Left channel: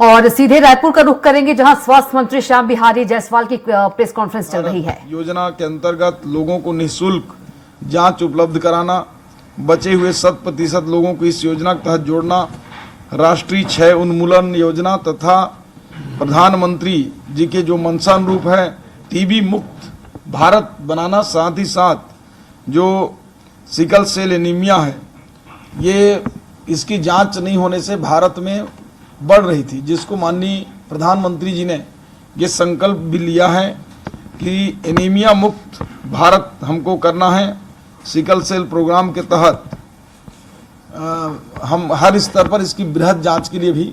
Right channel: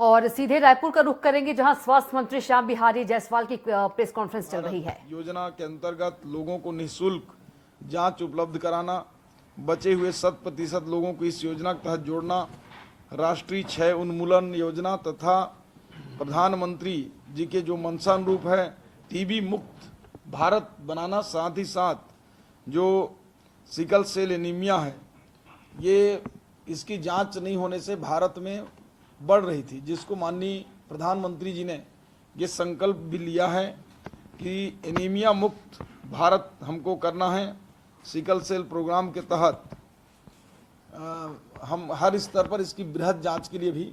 और सीधे रायपुर का रुख करेंगे, जहां स्वास्थ्य मंत्री श्याम बिहारी जायसवाल की प्रेस कॉन्फ्रेंस चल रही है। योजना के अंतर्गत लोगों को निःशुल्क जांच उपलब्ध कराना, बचे हुए 100% लोगों को इस योजना के तहत जोड़ना, राष्ट्रीय क्षय उन्मूलन योजना तथा प्रधानमंत्री जी के जो मंशानुरूप है टीबी मुक्त भारत बनाना, साथ ही साथ जो सिकल सेल एनीमिया है, ये इसकी जांच नहीं होने से भारत में बढ़ रही थी, जिसको माननीय प्रधानमंत्री जी ने ये संकल्प भी लिया है कि एनीमिया मुक्त भारत हमको करना है। सिकल सेल प्रोग्राम के तहत हम हर स्तर पर इसकी बृहद जांच के लिए भी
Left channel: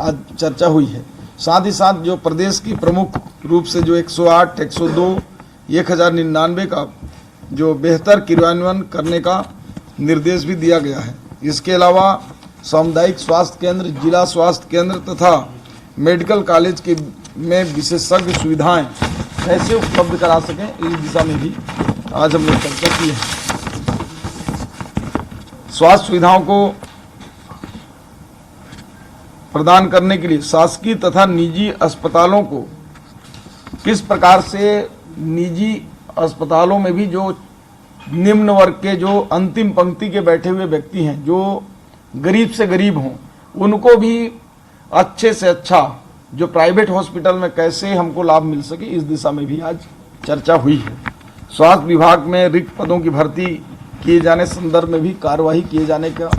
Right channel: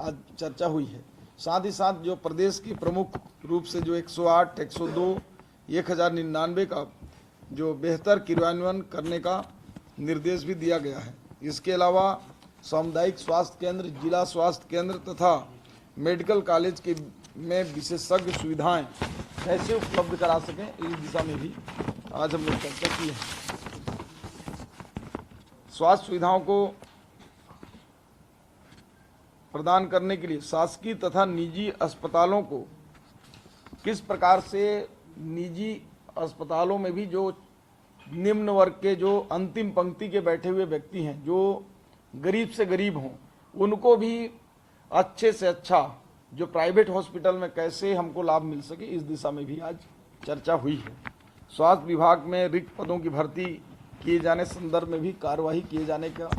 आज चर्चा हुई है। साथ ही साथ जो प्रदेश की प्रमुख रूप से जो 108, 102, 1099 का जो बेहतर क्रियान्वयन करने का निर्देश भी दिया गया है। इसके अलावा सामुदायिक स्वास्थ्य केंद्र, जिला स्वास्थ्य केंद्र तथा मेडिकल कॉलेज के में विशेषज्ञ सुविधाएं कैसे उपलब्ध करा सकें, इस दिशा में भी आज हम लोग चर्चा की है। स्वास्थ्य सुविधाओं को प्रदान करने के लिए शासकीय तथा निजी अस्पतालों को किस प्रकार से निजी अस्पतालों में भी जो निम्न वर्ग के, जो अंतिम पंक्ति के बैठे हुए व्यक्ति हैं, जो गरीब से गरीब हों, उनको भी अच्छे से अच्छा जो प्राइवेट हॉस्पिटल में कैसे हमको लाभ मिल सके, इस दिशा में भी आज चर्चा हुई है। स्वास्थ्य विभाग में रिक्त पदों की भर्ती किए जाने संदर्भ में भी कार्यवाही किए जाने का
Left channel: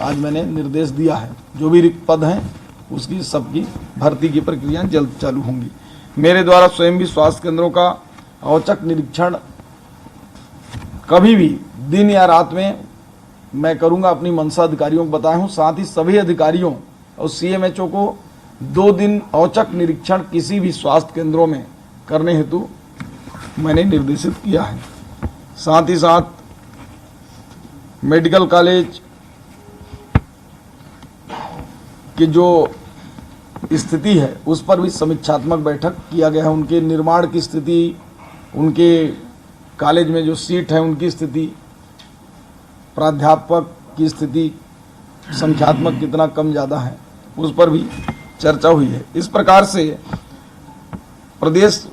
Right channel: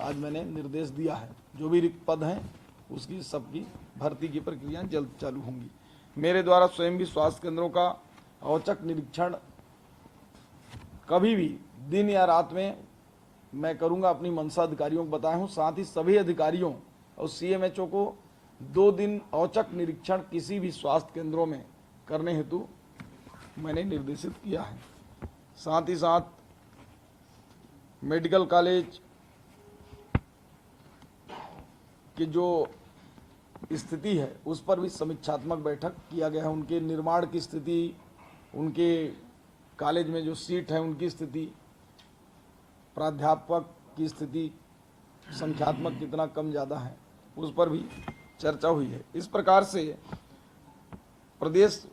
आज मैंने निर्देश दिया है। जो भी रिक्त पद हैं उसकी सबकी भर्ती की प्रक्रिया जल्द चालू होंगी। मेरे द्वारा स्वयं भी स्वास्थ्य केंद्रों का औचक निरीक्षण कभी भी दिन या रात में मैं करूंगा, अपनी मंशा अधिकारियों को बताया हूं। साथ ही सभी अधिकारियों और सीएमएचओ को 2 दिन औचक निरीक्षण किसी भी स्वास्थ्य केंद्रों में करने हेतु मैंने निर्देशित किया है। साथ ही साथ मेडिकल कॉलेज की जो स्थिति है उस पर भी समीक्षात्मक बैठक किया गया है। उनके निर्माण की स्थिति, उनके कॉलेज में जो सीट है उनकी स्थिति, प्राध्यापक की स्थिति, संख्यात्मक कितना कम ज़्यादा है, उस पर भी चर्चा हुई है। इस प्रकार से प्रदेश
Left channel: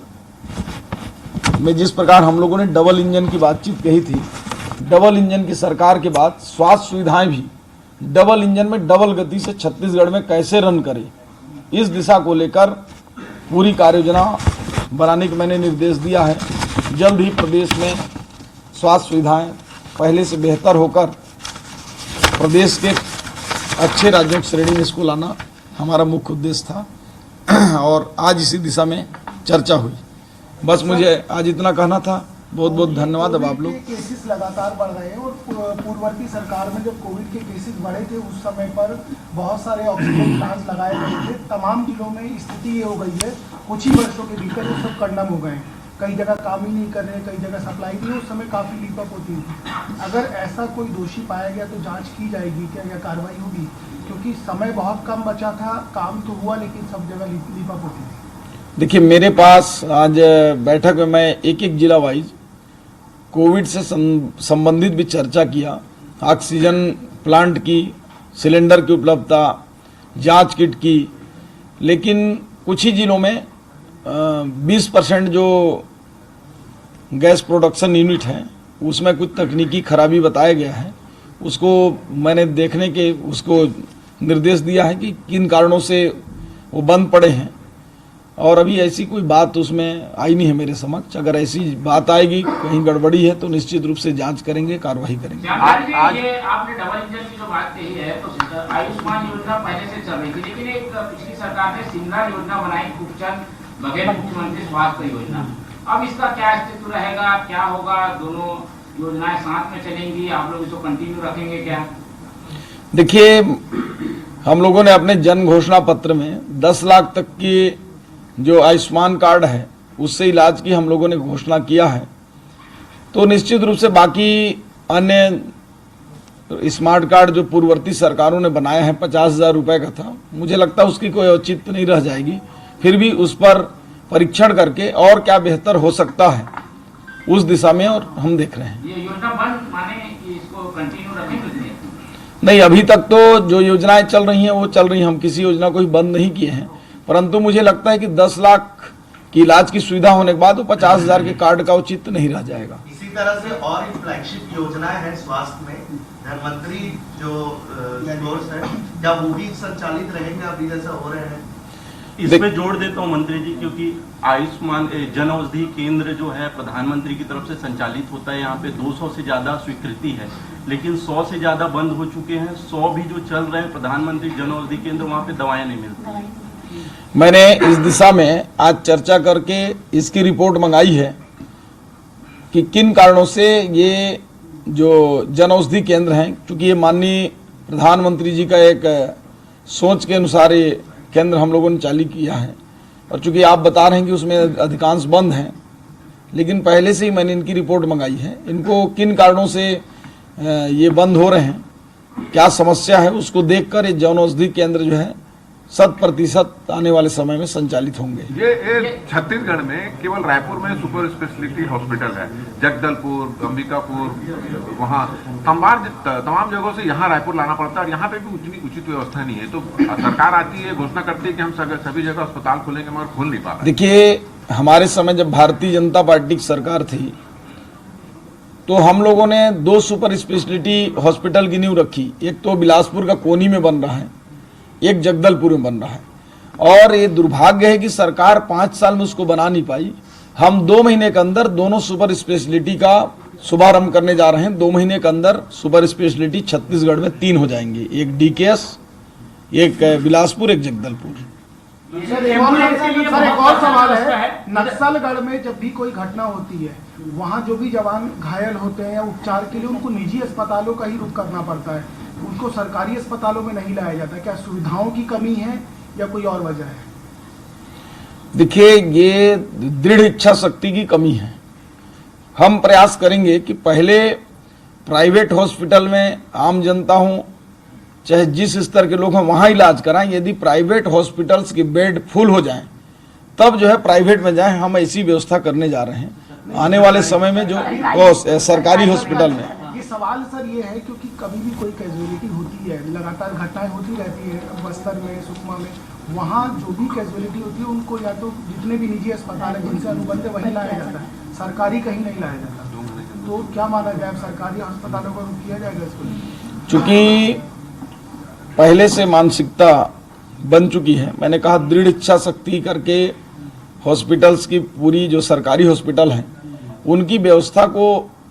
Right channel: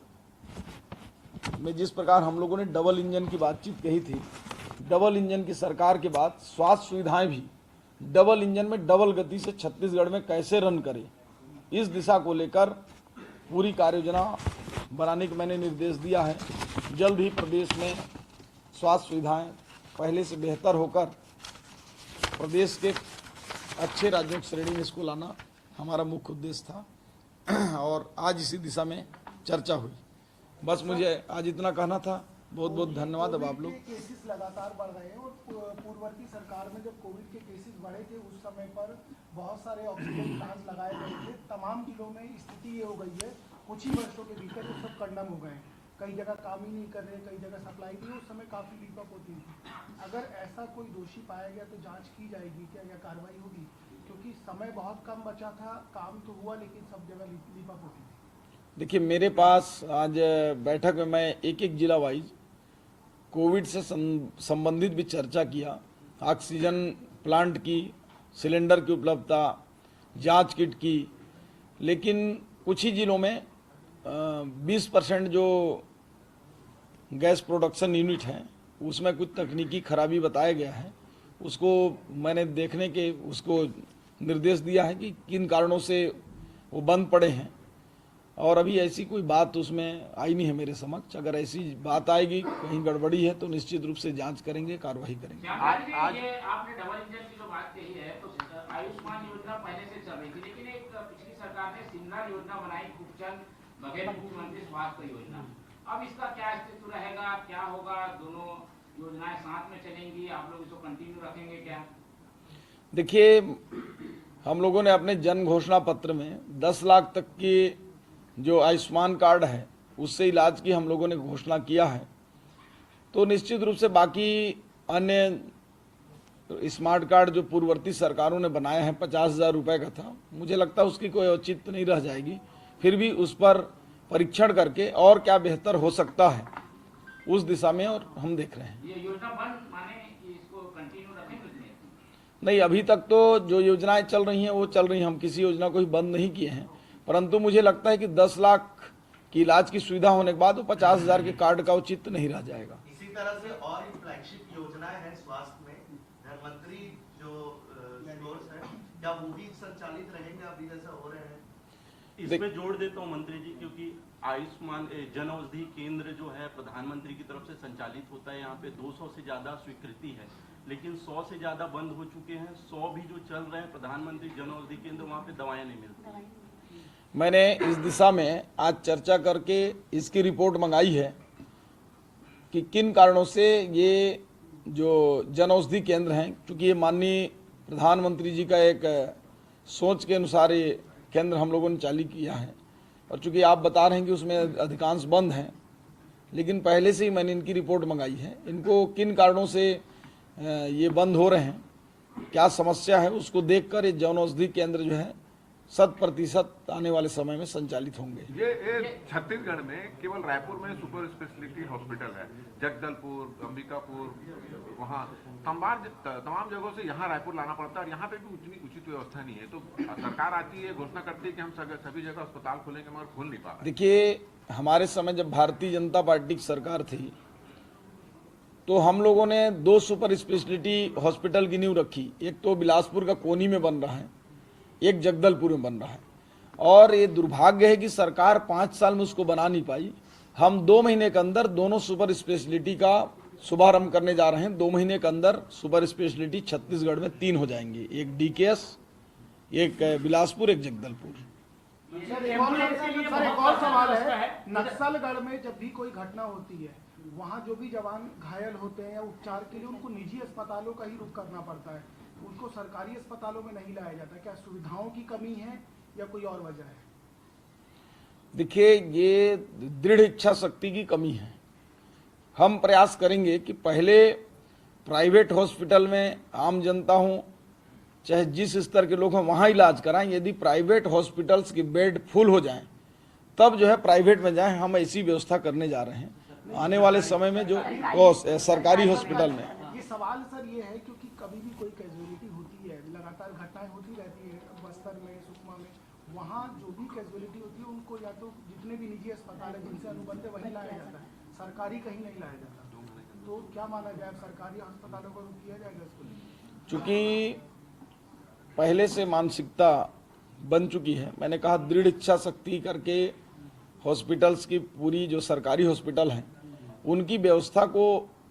में जिस प्रकार हम लोगों ने डबल इंजन की बातचीत कही थी, डबल इंजन की सरकार के बाद स्वास्थ्य सुविधाएं भी डबल इंजन में डबल गति से छत्तीसगढ़ में कैसे रन करें, इस दिशा को लेकर पूरी कार्ययोजना बनाने का मैंने निर्देश दिया है। जल्द ही प्रदेश में स्वास्थ्य सुविधाएं पहले से बेहतर होकर प्रदेश के अच्छे राज्यों की श्रेणी में इसको लाना हमारा मुख्य उद्देश्य था और आज इसी दिशा में चर्चा हुई। बस मुझे आज इतना कहना था। बहुत बहुत धन्यवाद। अब आप लोग। केसेस लगातार बढ़ रहे हैं और पूर्ववर्ती सरकार में जब कोविड के केसेस बढ़े थे उस समय पर बहुत सारे ऑक्सीजन प्लांट्स लगाए गए थे। तमाम जिलों में स्थिति ये हो गई है, कुछ ही वर्षों के भीतर वो सब कंडम हो गए। कई जगह काम ही नहीं कर रहे, कई जगह सप्लाई नहीं, उस समय काफ़ी लीपअप होती थी। अगर ऐसा कोई दोषी पाया गया तो जांच की जाएगी क्या या कार्रवाई होगी? क्योंकि समय बहुत कम बचा था, काम तो हुआ लेकिन सब जगह लीपअप होती थी। देखिए, मेरे पास आज बैठक में मैं एक एक जिला वाइज कोविड से संबंधित भी चर्चा किया। ऑक्सीजन प्लांट की, सिलेंडर की उपलब्धता, जांच किट की, लेकिन कुछ ही जिलों में 20% जो गैस प्रोडक्शन यूनिट है उसमें कुछ तकनीकी खराबी बताया गया है। उसको मैंने देखने के उसको निर्देश दिया है कि किन कारणों से वो बंद पड़े हैं, और अभी ऐसी कोई बात उसमें आई नहीं है मेरे समक्ष। अगर ऐसी बात आएगी, कहीं गड़बड़ी है, तो निश्चित रूप से जांच करेंगे, कार्रवाई करेंगे। आज ये आपने डबल इंजन की जो बात कही है, तो आयुष्मान योजना पहले से चल रही थी, लेकिन एक पिछली सरकार ने सिमला योजना बनाई, खूबचंद बघेल मुख्यमंत्री स्वास्थ्य योजना। अब इसका क्या अस्तित्व रहेगा, क्या होगा? दोनों योजनाएं साथ में चलेंगी, आप लोग इसको कंटिन्यू रखेंगे क्या? देखिए, हम लोगों ने अपने जन घोषणा पत्र में 10 लाख तक की जो आयुष्मान कार्ड है उससे इलाज की हम लोगों ने घोषणा किया है। तो निश्चित रूप से बाकी अन्य स्मार्ट कार्ड जो पूर्ववर्ती सरकारों ने बनाया है 50,000 रुपए का था, मुझे लगता है उसकी कोई औचित्य नहीं रह जाएगी। फिर भी उस पर परीक्षण करके और क्या बेहतर हो सकता है उस दिशा में और हम देख रहे हैं। ये योजना बंद माने कि इसको कंटिन्यू रखेंगे? नहीं, अभी तक तो जो योजनाएं चल रही हैं वो चल रही हैं, हम किसी योजना को ही बंद नहीं किए हैं, परंतु मुझे लगता है कि 10 लाख की इलाज की सुविधा होने के बाद वो 50,000 के कार्ड का औचित्य नहीं रह जाएगा। इसी तरह से और फ्लैगशिप योजनाएं हैं स्वास्थ्य में, धनवंतरी जो कोर्स है, क्या वो भी संचालित रहेंगे अभी जैसा हो रहे हैं? इसमें जोड़ देता हूँ मंत्री जी, क्योंकि आयुष्मान जन औषधि केंद्र जो है प्रधानमंत्री की तरफ से संचालित होता है। यहाँ पे 200 से ज्यादा स्वीकृति है, लेकिन 100 से ज्यादा बंद हो चुके हैं। 100 भी जो चल रहे हैं प्रधानमंत्री जन औषधि केंद्र, वहाँ पे दवाएं नहीं मिलती। मैंने इस दिशा में आज चर्चा करके इसकी रिपोर्ट मंगाई है कि किन कारणों से ये जो जन औषधि केंद्र हैं, क्योंकि ये माननीय प्रधानमंत्री जी का एक सोच के अनुसार ये केंद्र हम लोगों ने चालू किया है, और चूंकि आप बता रहे हैं कि उसमें अधिकांश बंद हैं, लेकिन पहले से ही मैंने इनकी रिपोर्ट मंगाई है। इनको किन कारणों से ये बंद हो रहे हैं, क्या समस्या है, उसको देखकर ये जन औषधि केंद्र जो है 100% आने वाले समय में संचालित होंगे। ये छत्तीसगढ़ में केवल रायपुर में सुपर स्पेशलिटी हॉस्पिटल है, जगदलपुर, अंबिकापुर, वहाँ तमाम जगहों से यहाँ रायपुर लाना पड़ता है, और यहाँ पे भी उतनी उचित व्यवस्था नहीं है। तो सरकार आती है, घोषणा करती है कि हम सभी जगह अस्पताल खोलेंगे, मगर खोल नहीं पा रहे। देखिए, हमारे समय जब भारतीय जनता पार्टी की सरकार थी तो हम लोगों ने 2 सुपर स्पेशलिटी हॉस्पिटल की नींव रखी। एक तो बिलासपुर का कोनी में बन रहा है, एक जगदलपुर में बन रहा है, और ये दुर्भाग्य है कि सरकार 5 साल में उसको बना नहीं पाई। हम 2 महीने के अंदर दोनों सुपर स्पेशलिटी का शुभारंभ करने जा रहे हैं। 2 महीने के अंदर सुपर स्पेशलिटी छत्तीसगढ़ में 3 हो जाएंगे, एक डीकेएस, एक बिलासपुर, एक जगदलपुर। सर एक और सवाल है, नक्सलगढ़ में जब भी कोई घटना होती है, वहाँ जो भी जवान घायल होते हैं या उपचार के लिए उनको निजी अस्पतालों का ही रुख करना पड़ता है, उनको सरकारी अस्पतालों में नहीं लाया जाता। क्या सुविधाओं की कमी है या कोई और वजह है? देखिए, ये दृढ़ इच्छा शक्ति की कमी है। हम प्रयास करेंगे कि पहले प्राइवेट हॉस्पिटल में आम जनता हो, चाहे जिस स्तर के लोग हैं, वहां इलाज कराएं। यदि प्राइवेट हॉस्पिटल्स के बेड फुल हो जाएं, तब जो है प्राइवेट में जाएं। हम ऐसी व्यवस्था करने जा रहे हैं आने वाले समय में जो सरकारी हॉस्पिटल में। ये सवाल सर ये है क्योंकि कभी भी कोई कैजुअलिटी होती है, लगातार घटनाएं होती रहती है, बस्तर में, सुकमा में, वहाँ जो भी कैजुअलिटी होती है उनको या तो जितने भी निजी अस्पताल है जिनसे अनुबंध है वहीं लाया जाता है, सरकारी कहीं नहीं लाया जाता। तो क्या माना जाए, सरकारी अस्पतालों का रुख किया जाएगा इसको? चूंकि पहले से मानसिकता बन चुकी है, मैंने कहा दृढ़ इच्छा शक्ति करके हॉस्पिटल्स की पूरी जो सरकारी हॉस्पिटल हैं उनकी व्यवस्था को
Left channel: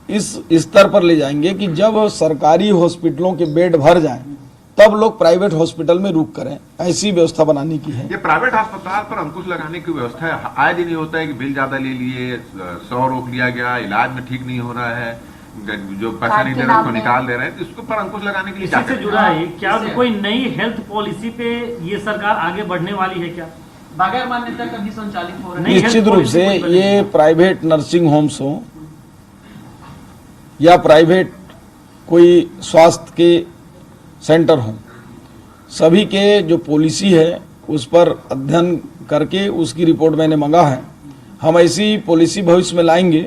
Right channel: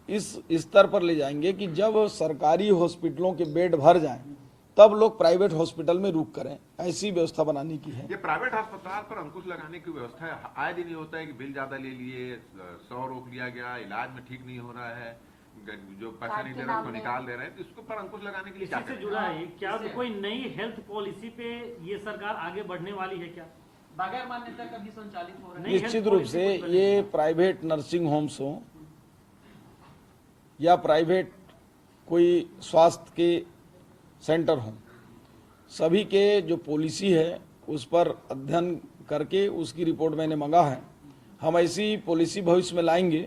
इस स्तर पर ले जाएंगे कि जब सरकारी हॉस्पिटलों के बेड भर जाएं तब लोग प्राइवेट हॉस्पिटल में रुक करें। ऐसी व्यवस्था बनाने की है। ये प्राइवेट अस्पताल पर अंकुश लगाने की व्यवस्था है। आए दिन ये होता है कि बिल ज्यादा ले लिए, 100 रोक लिया गया, इलाज में ठीक नहीं हो रहा है, जो पैसा नहीं दे रहे उसको निकाल दे रहे हैं, तो इसको पर अंकुश लगाने के लिए इससे जुड़ा है क्या कोई नई हेल्थ पॉलिसी पे ये सरकार आगे बढ़ने वाली है? क्या बगैर मान्यता कभी संचालित हो रहे हैं? निश्चित रूप से ये प्राइवेट नर्सिंग होम्स हो या प्राइवेट कोई स्वास्थ्य के सेंटर हो, सभी के जो पॉलिसी है उस पर अध्ययन करके उसकी रिपोर्ट मैंने मांगा है। हम ऐसी पॉलिसी भविष्य में लाएंगे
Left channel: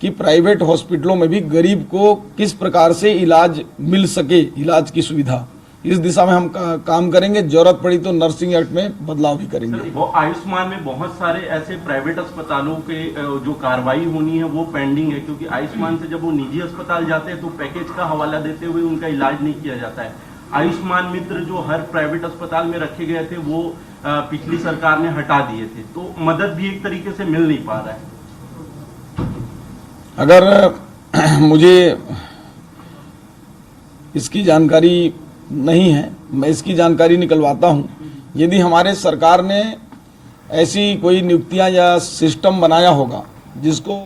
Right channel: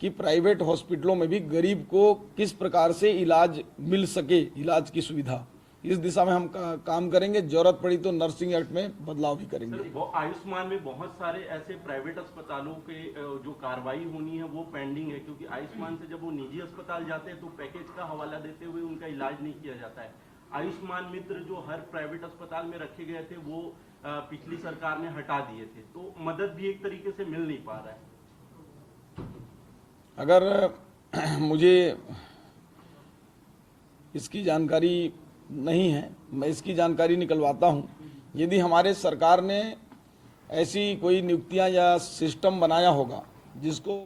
कि प्राइवेट हॉस्पिटलों में भी गरीब को किस प्रकार से इलाज मिल सके, इलाज की सुविधा, इस दिशा में हम काम करेंगे। जरूरत पड़ी तो नर्सिंग एक्ट में बदलाव भी करेंगे। वो आयुष्मान में बहुत सारे ऐसे प्राइवेट अस्पतालों के जो कार्रवाई होनी है वो पेंडिंग है, क्योंकि आयुष्मान से जब वो निजी अस्पताल जाते हैं तो पैकेज का हवाला देते हुए उनका इलाज नहीं किया जाता है। आयुष्मान मित्र जो हर प्राइवेट अस्पताल में रखे गए थे वो पिछली सरकार ने हटा दिए थे, तो मदद भी एक तरीके से मिल नहीं पा रहा है। अगर मुझे इसकी जानकारी नहीं है, मैं इसकी जानकारी निकलवाता हूं। यदि हमारे सरकार ने ऐसी कोई नियुक्तियां या सिस्टम बनाया होगा जिसको